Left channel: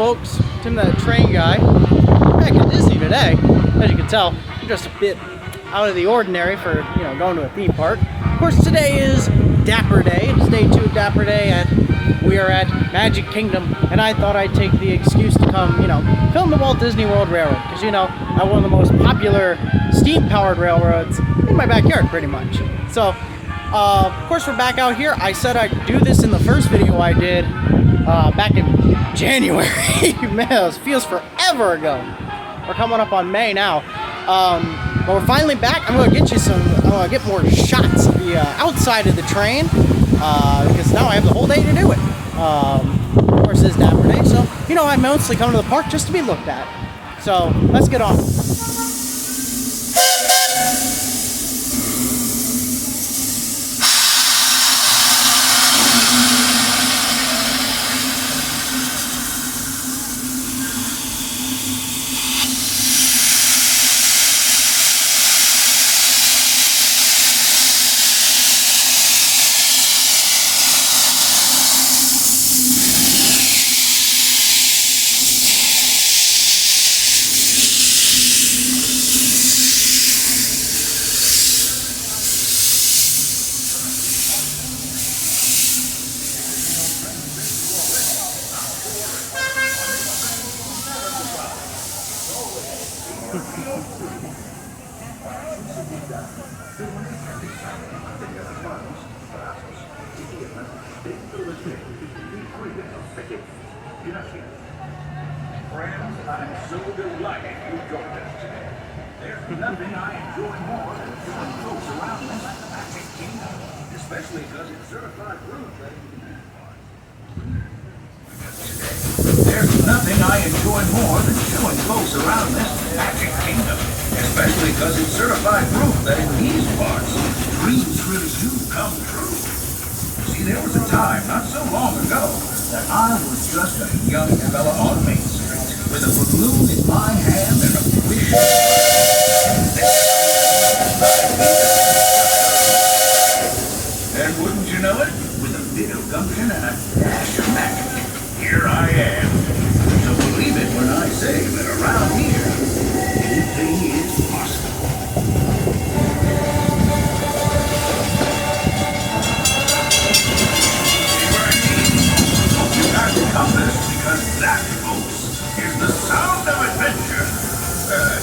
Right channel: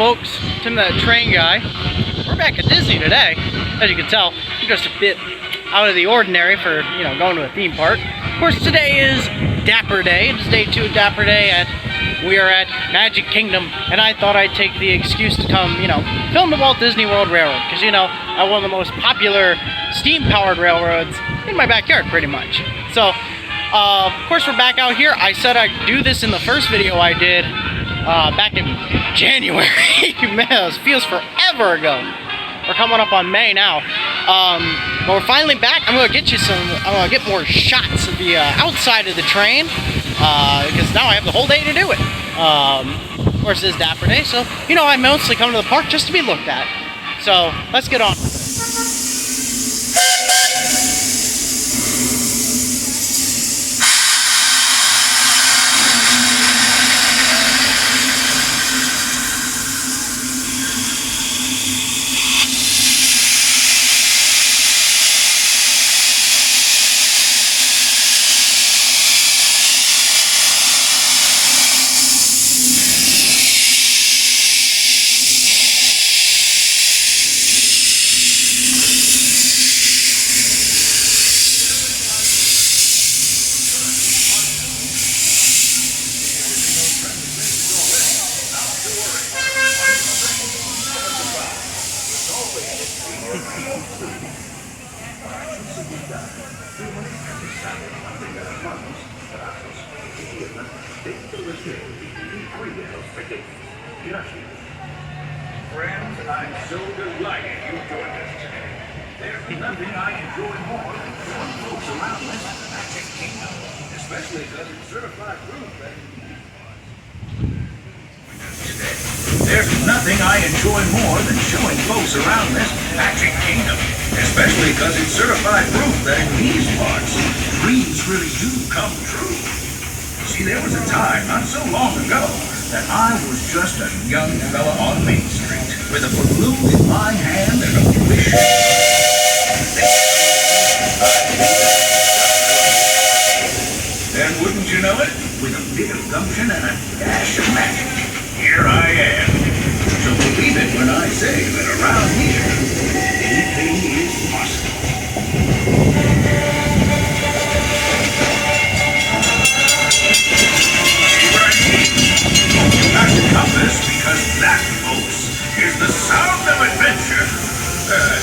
folks, Tim the Train Guy. We're back at Disney today. As you can tell, I'm just a bit out of the ordinary for, you know, going to a theme park. Of course, today is Dapper Day. It's day 2 of Dapper Day, we are at Magic Kingdom, and I thought I'd take the excuse to come, you know, film the Walt Disney World Railroad, because, you know, I have one of the most popular steam-powered railroads in my backyard, pretty much. So, of course, we're back out here. I said I'd do this in the first video I did back in January. Man, it feels forever ago. We're coming up on May now. But we're finally back. I'm gonna get you I'm gonna get more shots of the outside of the train because now I have the whole day to do it. Of course, it's Dapper Day, so you know I mostly come to the park just to be looked at. So let's get on. Friends, I'm so delighted you joined us today. There's nothing I enjoy more than flying folks around this Magic Kingdom, especially because it's certified proof that... There's nothing I enjoy more than showing folks around this Magic Kingdom, especially because it's certified proof that in these parts, dreams really do come true. See, there was a time not so long ago that I was just a young fella on Main Street with a balloon in my hand and a wish. And wouldn't you know it, with a bit of gumption and a dash of magic, here I am. So believe it when I say that around here, anything is possible. Compass, because that, folks, is the sound of adventure.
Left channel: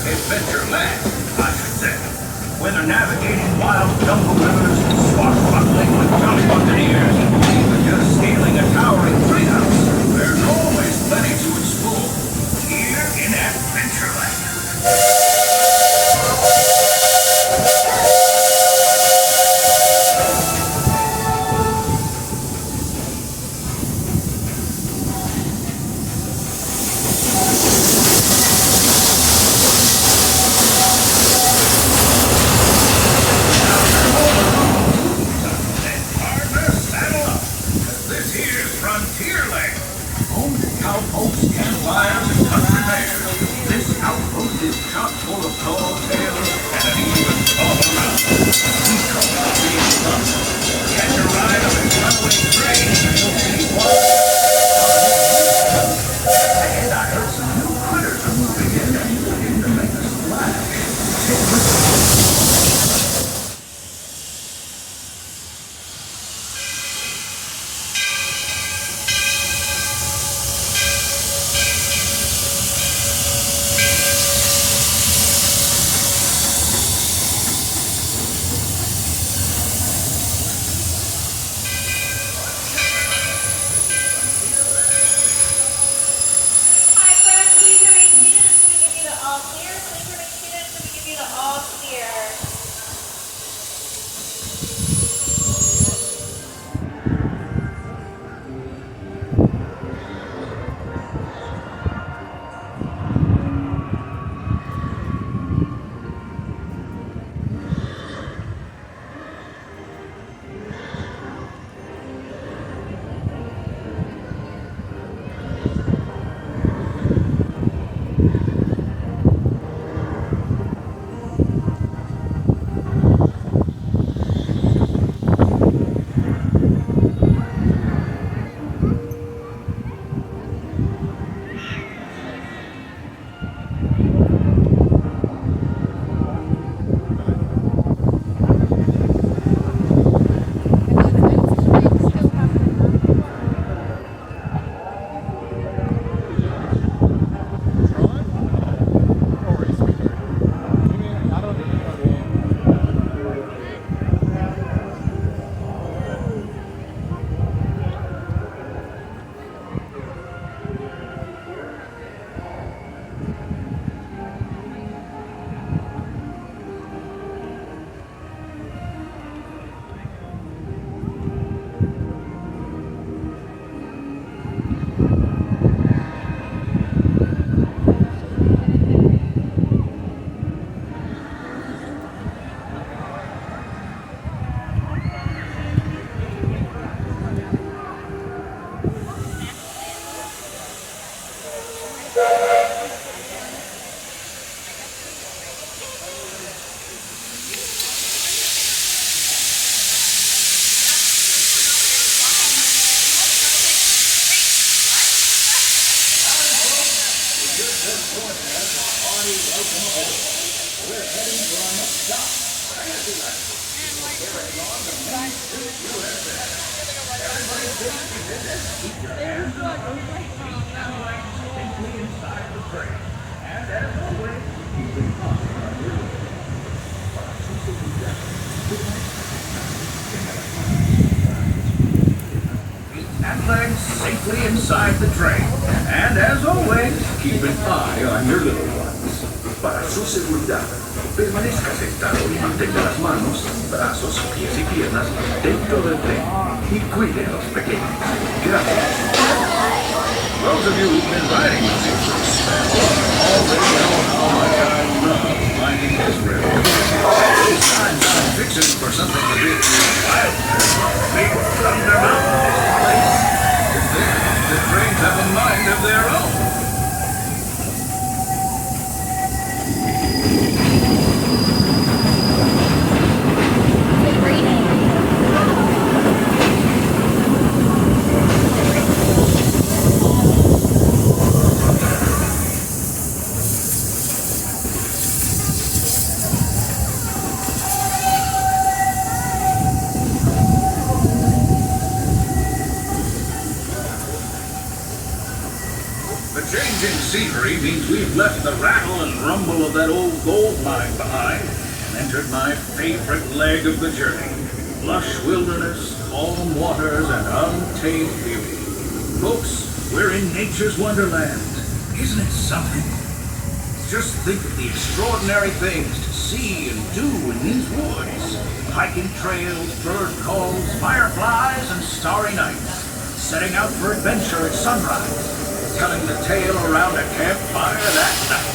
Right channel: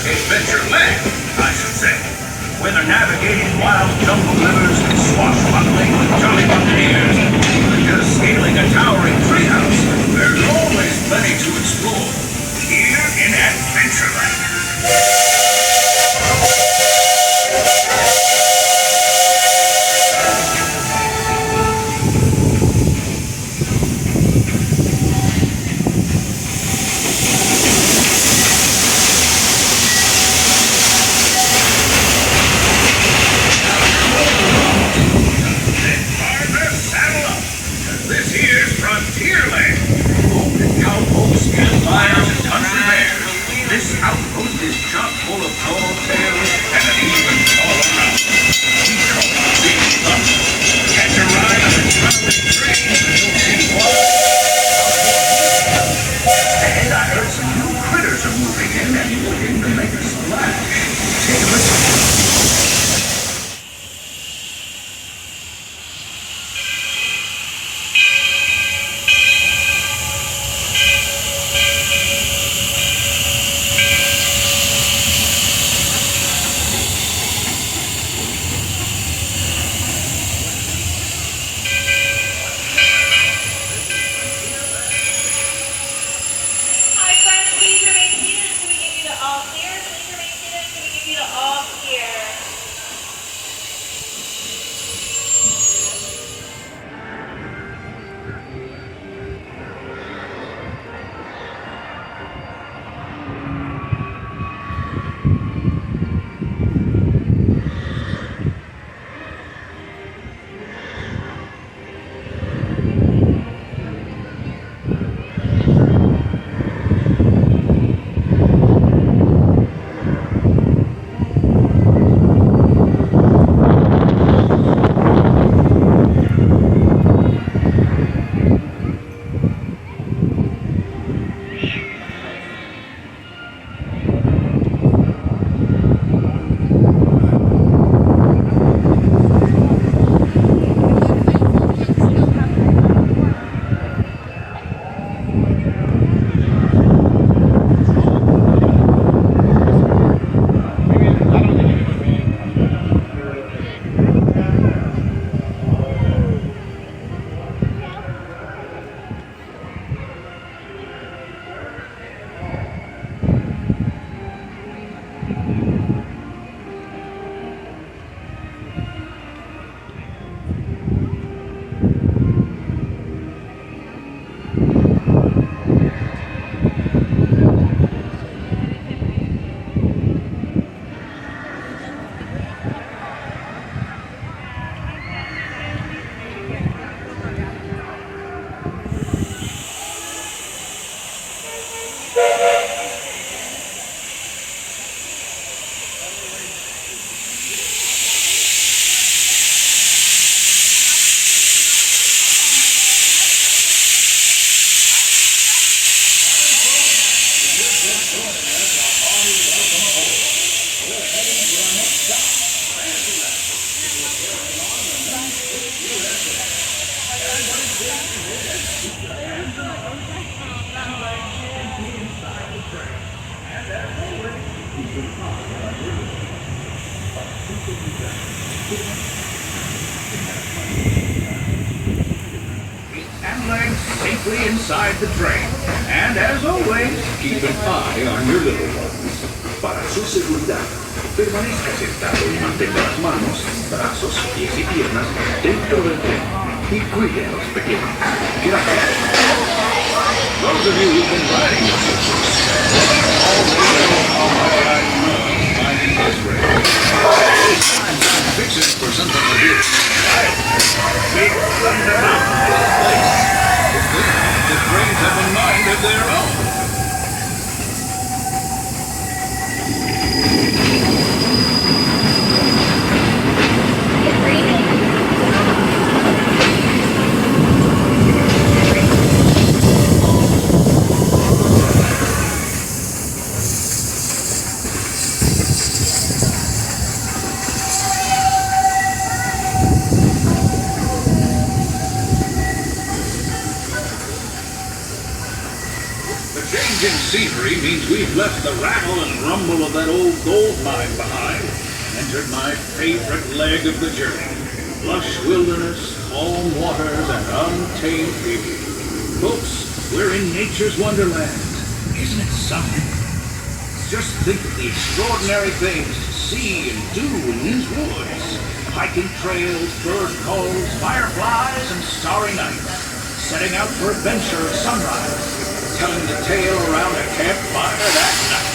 Adventureland, I should say. Whether navigating wild jungle rivers, swashbuckling with jolly buccaneers, or even just scaling a towering treehouse, there's always plenty to explore here in Adventureland. Frontierland, home to cowpokes, campfires, and country bears. This outpost is chock And legs safely inside the train. And as always, keep an eye on your little ones. Para su seguridad, permanezca sentado y mantenga las manos, brazos, pies y piernas dentro del tren. Y cuide a los pequeños. Gracias. Those of you who've been riding with finding this rail. This time I'm fixing for something to do. Big thunder mountain is a place. It's good. The trains have a mind of their own. Changing scenery means we've left the rattle and rumble of that old gold mine behind and entered my favorite leg of the journey. Lush wilderness, calm waters, and untamed beauty. Folks, we're in nature's wonderland. Isn't it something? Just think of the extraordinary things to see and do in these woods. Hiking trails, bird calls, fireflies, and starry nights. Setting out for adventure at sunrise. Telling the tale around a campfire that night.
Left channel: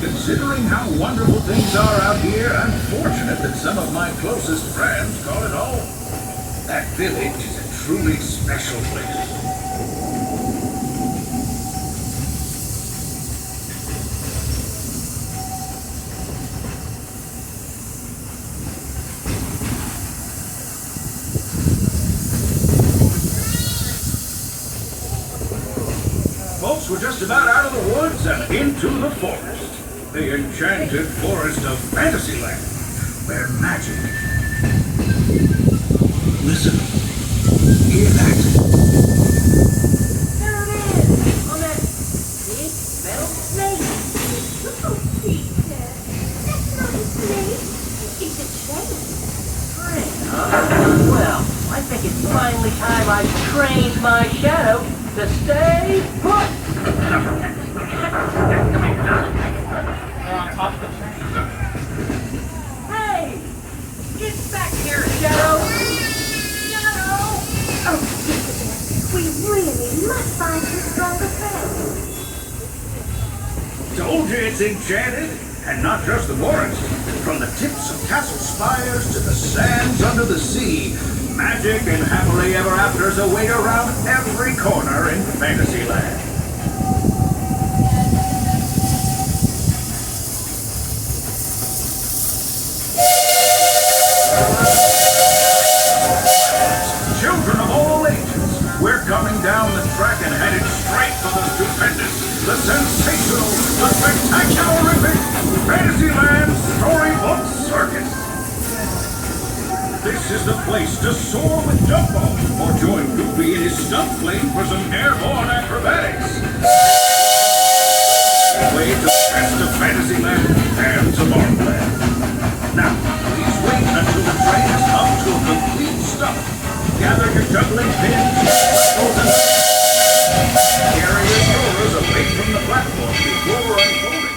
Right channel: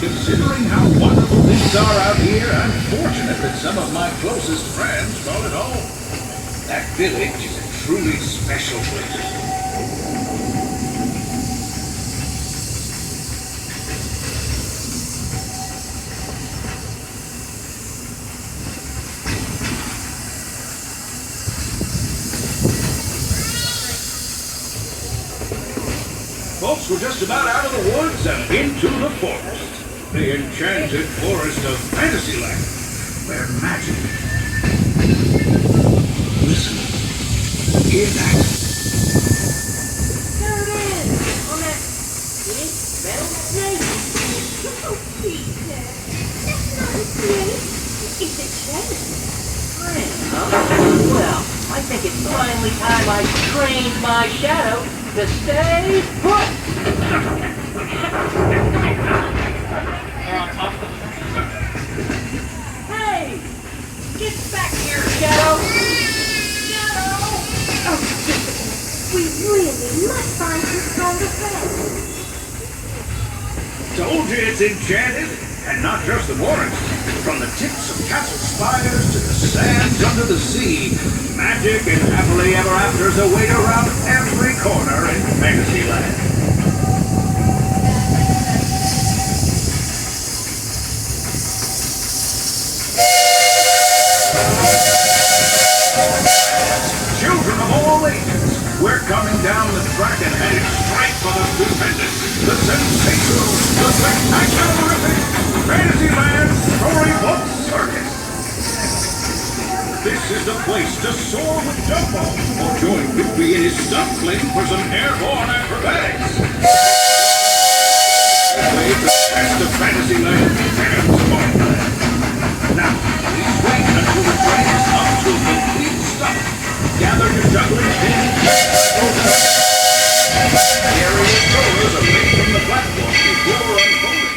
Considering how wonderful things are out here, I'm fortunate that some of my closest friends call it home. That village is a truly special place. Folks, we're just about out of the woods and into the forest. The enchanted forest of Fantasyland. Where magic. Listen. Hear that? There it is! On that big metal snake. Oh, Peter. That's not a snake. It's a train. Well, I think it's finally time I trained my shadow to stay put. Hey! Get back here, Shadow! Shadow! Oh, we really must find some stronger friends. Told you it's enchanted, and not just the forest. From the tips of castle spires to the sands under the sea, magic and happily ever afters await around every corner in Fantasyland. Children of all ages, we're coming down the track and headed straight for the stupendous, the sensational, the spectacular epic Fantasyland Storybook Circus. This is the place to soar with Dumbo or join Goofy in his stunt fling for some airborne acrobatics. Way to test the Fantasyland and Tomorrowland. Now, please wait until the train is up to a complete stop. Gather your juggling pins. Carry your shoulders away from the platform before unfolding.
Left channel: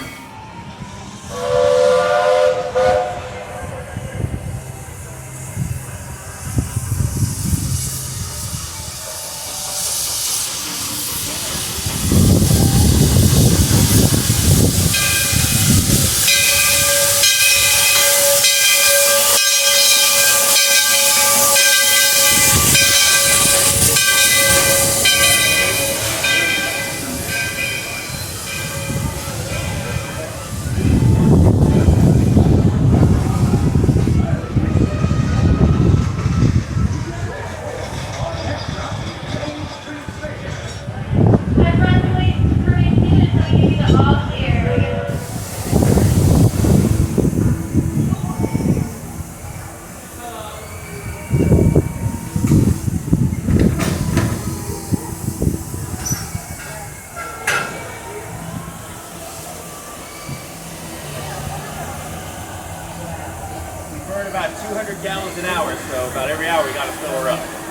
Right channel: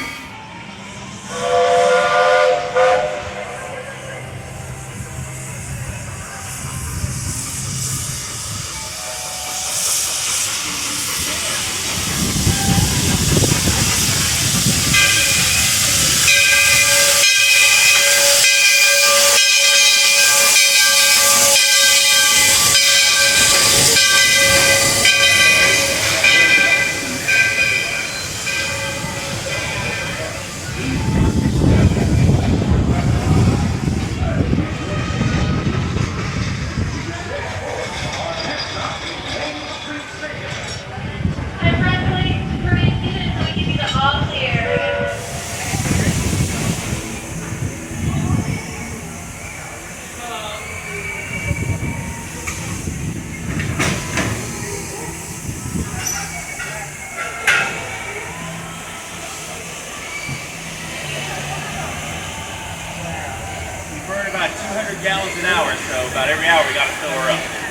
about 200 gallons an hour, so about every hour we got to fill her up.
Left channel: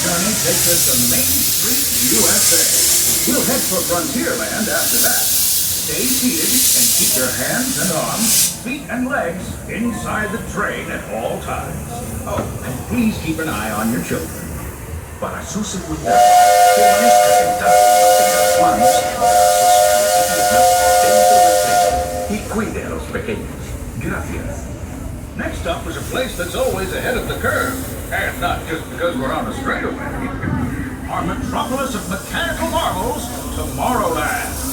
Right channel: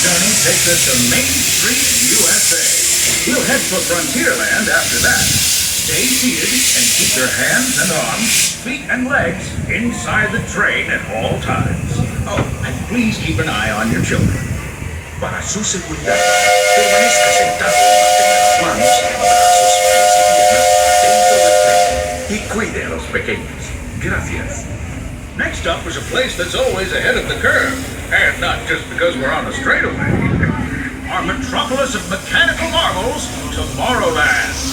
Journey takes us to Main Street, USA. We'll head for Frontierland after that. Stay seated and keep your hands and arms, feet and legs inside the train at all times. Oh, and please keep an eye on your children. Para su seguridad, permanezca sentado y mantenga las manos, brazos, pies y piernas dentro del tren. Y cuide a los pequeños. Gracias. Next up is a place that's always ahead of the curve. And not just because we're on the straightaway. Our metropolis of mechanical marvels, Tomorrowland.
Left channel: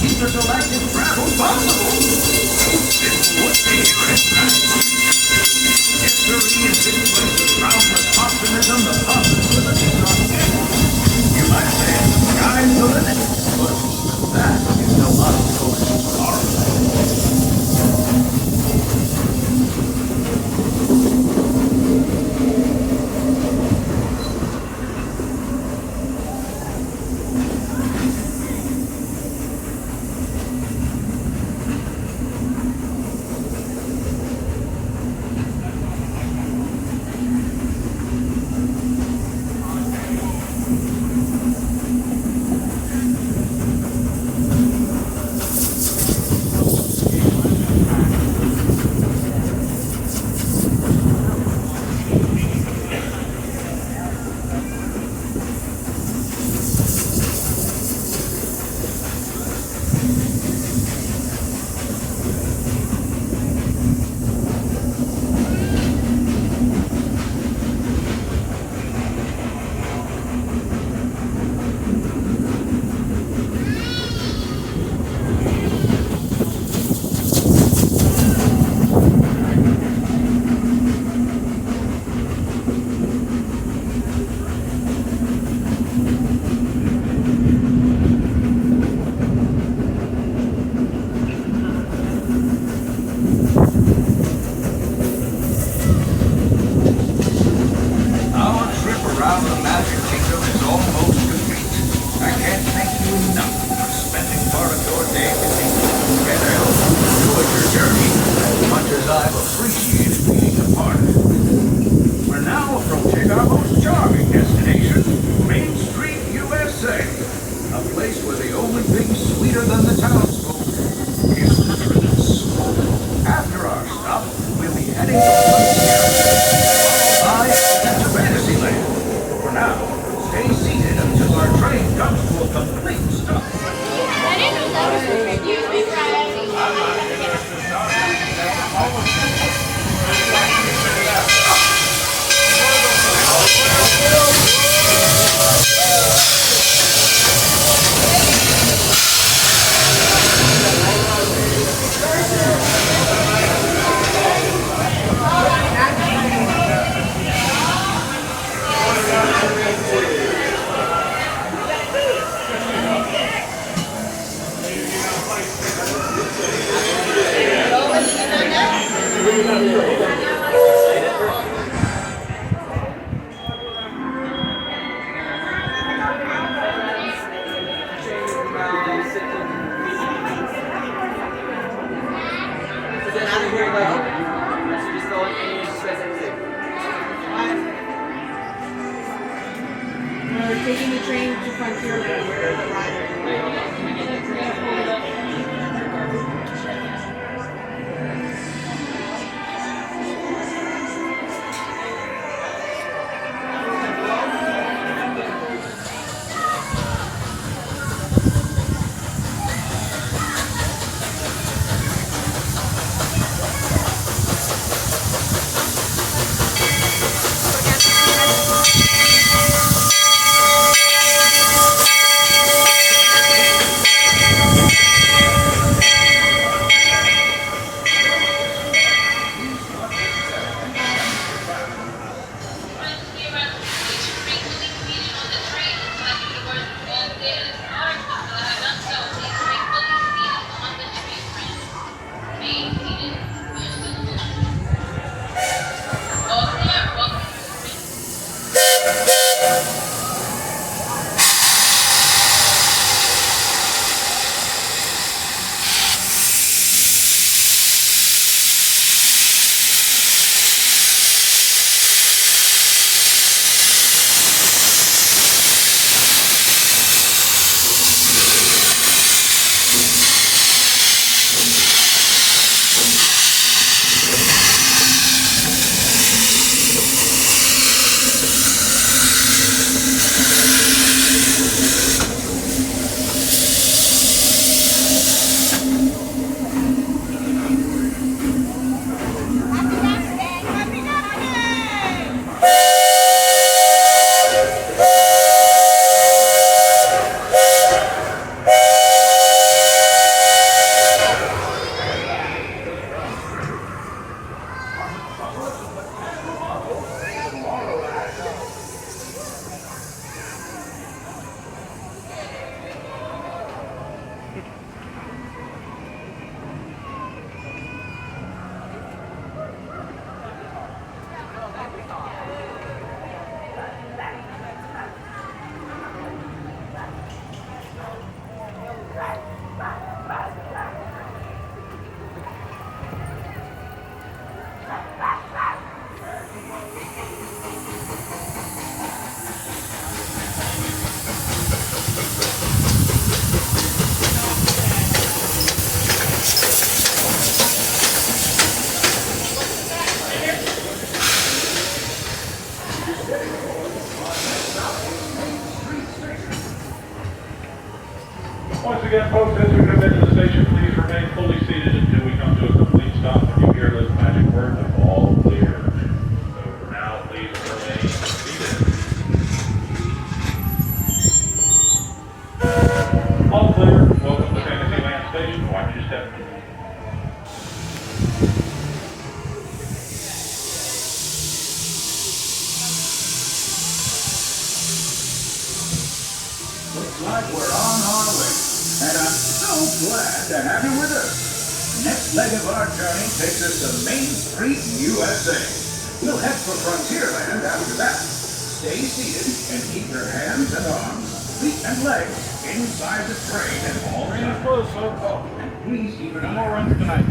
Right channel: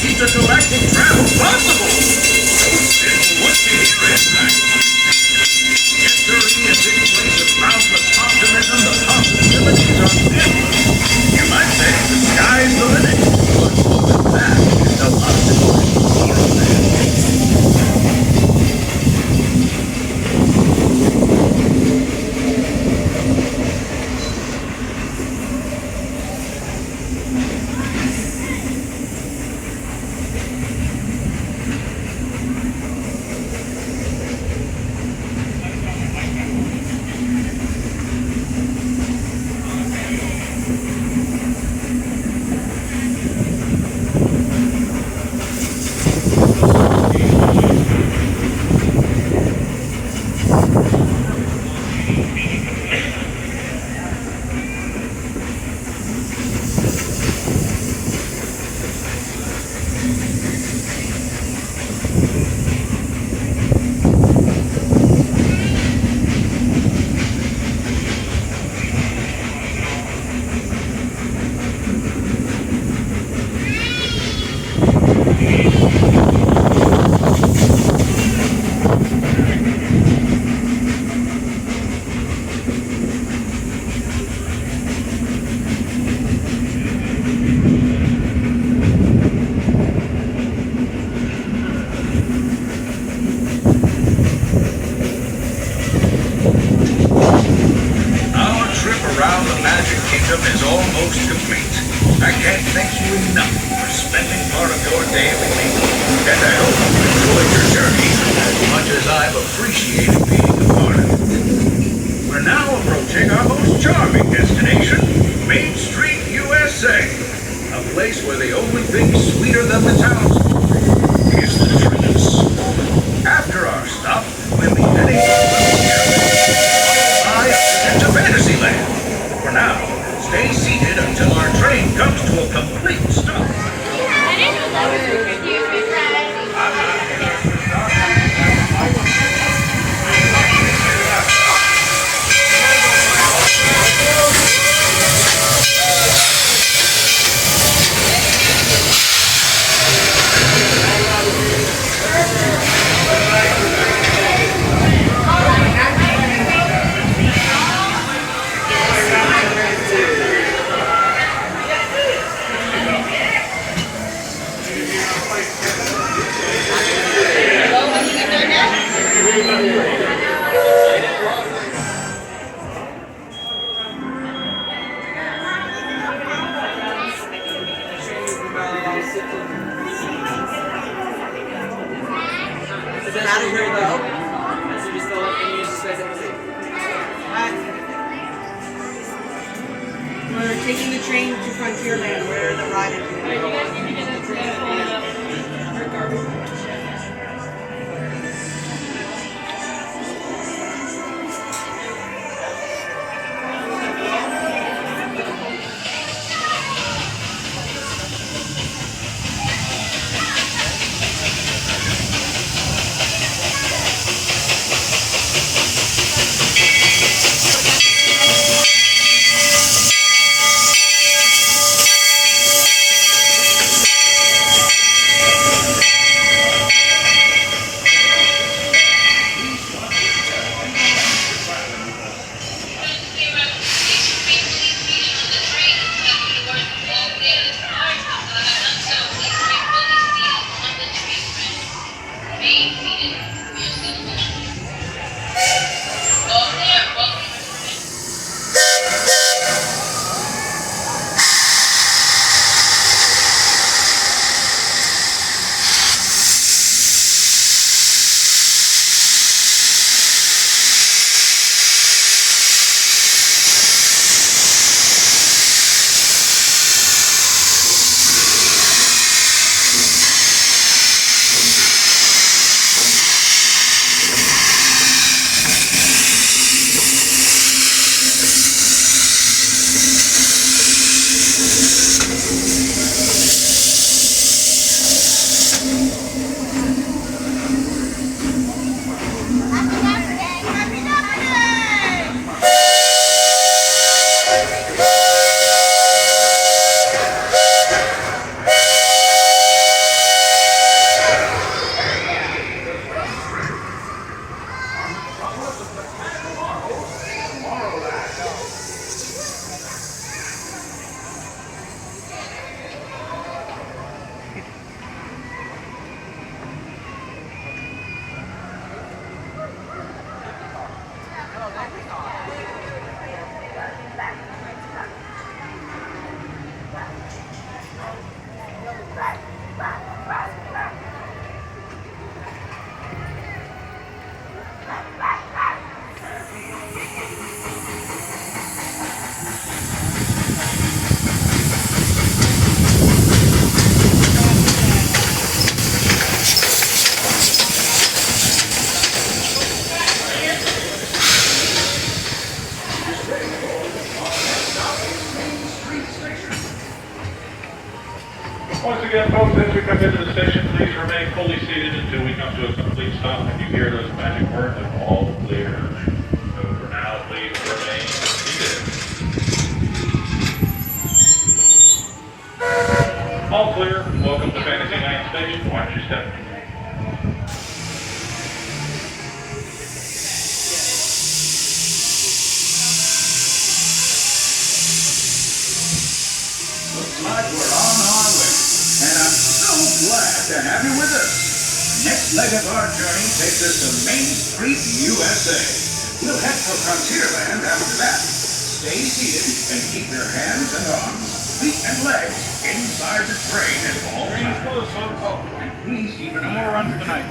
Intergalactic travel possible. It would be here at night. History is in places bound with optimism, the possibilities are endless. You might say the sky's the limit. But that is no obstacle to Tomorrowland. Now the Magic Kingdom is almost complete. I can't thank you enough for spending part of your day with me. And I hope you enjoyed your journey as much as I've appreciated being a part of it. We're now approaching our most charming destination, Main Street, USA. A place where the only thing sweeter than the townsfolk is the truth. After our stop, we'll be heading to Fantasyland. For now, stay seated until our train comes to a complete stop. We're taking the train to Frontierland where the ride is. Once again, folks, as we come into the station, please remain fully seated until we come to a complete stop and you hear those magic words of all clear. So for now, please remain seated. All clear. Welcome to Fantasyland Station. Watch your step. Looks like we're on our way, and I'm so glad to have you with us. Next leg of our journey takes us to Main Street, USA. We'll head for Frontierland after that. Stay seated and keep your hands and arms, feet and legs inside the train at all times. Oh, and please keep an eye on tonight.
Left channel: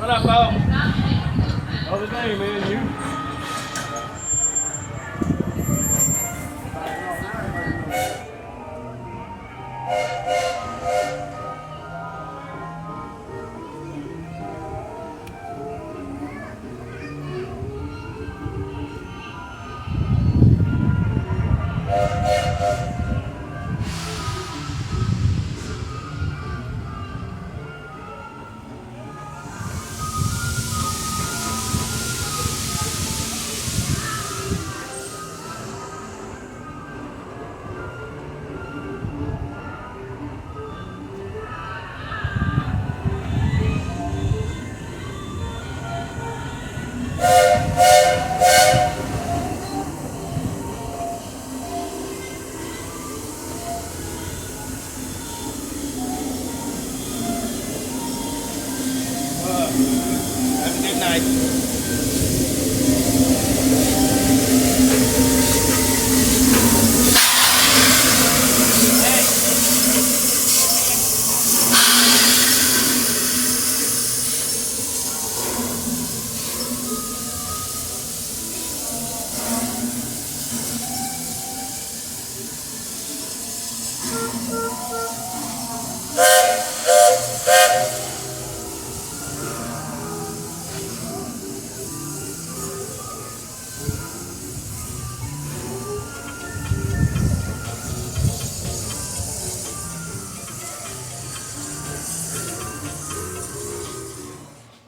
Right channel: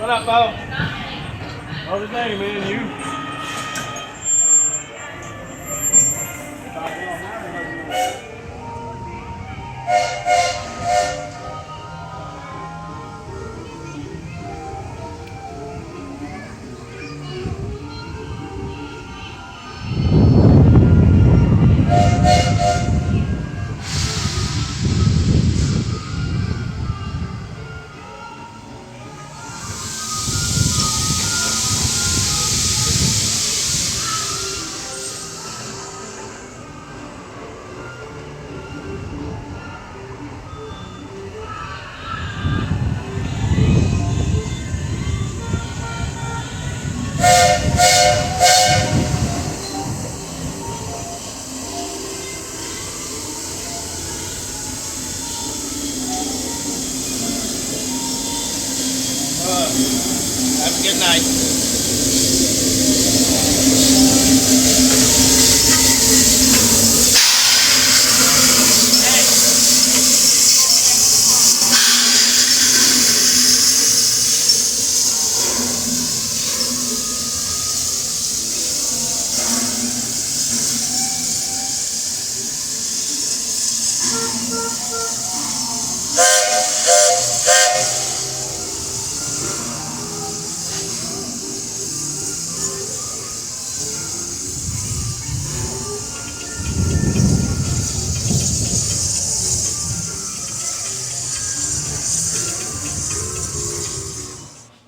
What up, Bo? What's his name, man? You? Have a good night.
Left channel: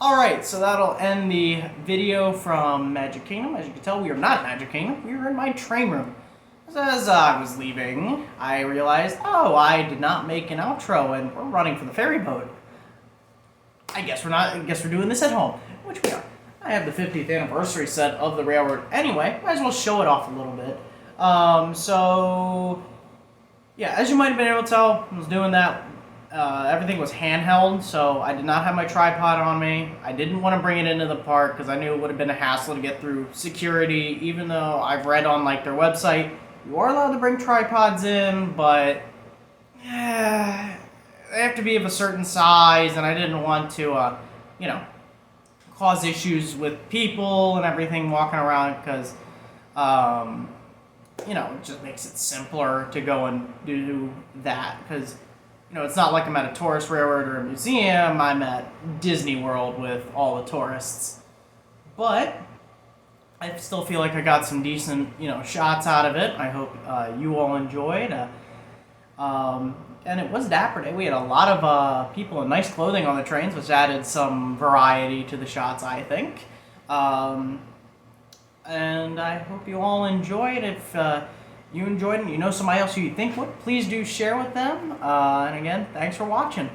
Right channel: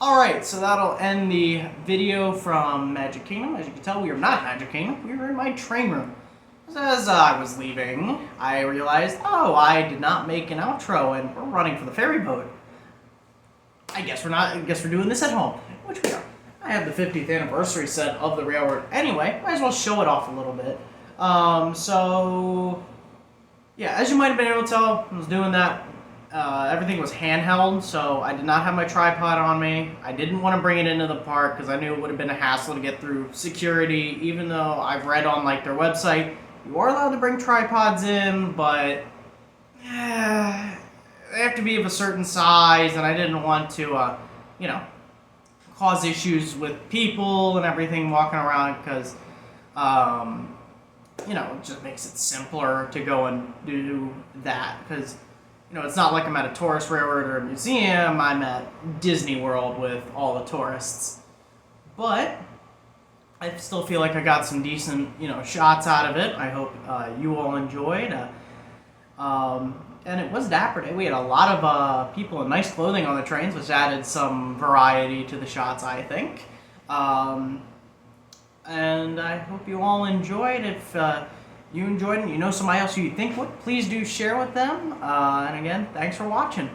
Alright, so that'll end the video from Magic Kingdom. As you can tell, we are not in Magic Kingdom. We are in my train room. As I was leaving, I realized, oh, I did not make an outro, and we're running for the ferry boat. I guess we're doing this at home, which we are. I have the 50th anniversary set of the railroad anyway. Might as well show it off a little bit. So, yeah, as you might have been able to tell, I was doing that. Everything was handheld, so I did not have my tripod on me. I didn't want to bring it into the park because I knew it would have been a hassle to get through security, even though I've read on like their website, you are allowed to bring tripods in, but they have to be of a certain size, and I didn't want to, cause issues with people and everything walking around because, it just makes it simpler to go and do that because, it's not like I'm at a tourist railroad or a museum. I'm at Disney World with all the tourists. But I still feel like I got some decent, shots out of it. I hope you all enjoyed. And it was Dapper Day. We had a lot of people in nice clothing on the trains, which added some variety to the shots, I think. And I hope you all enjoyed. If you enjoyed it and you know somebody else who you think would, please do share with them. And again, thanks for watching.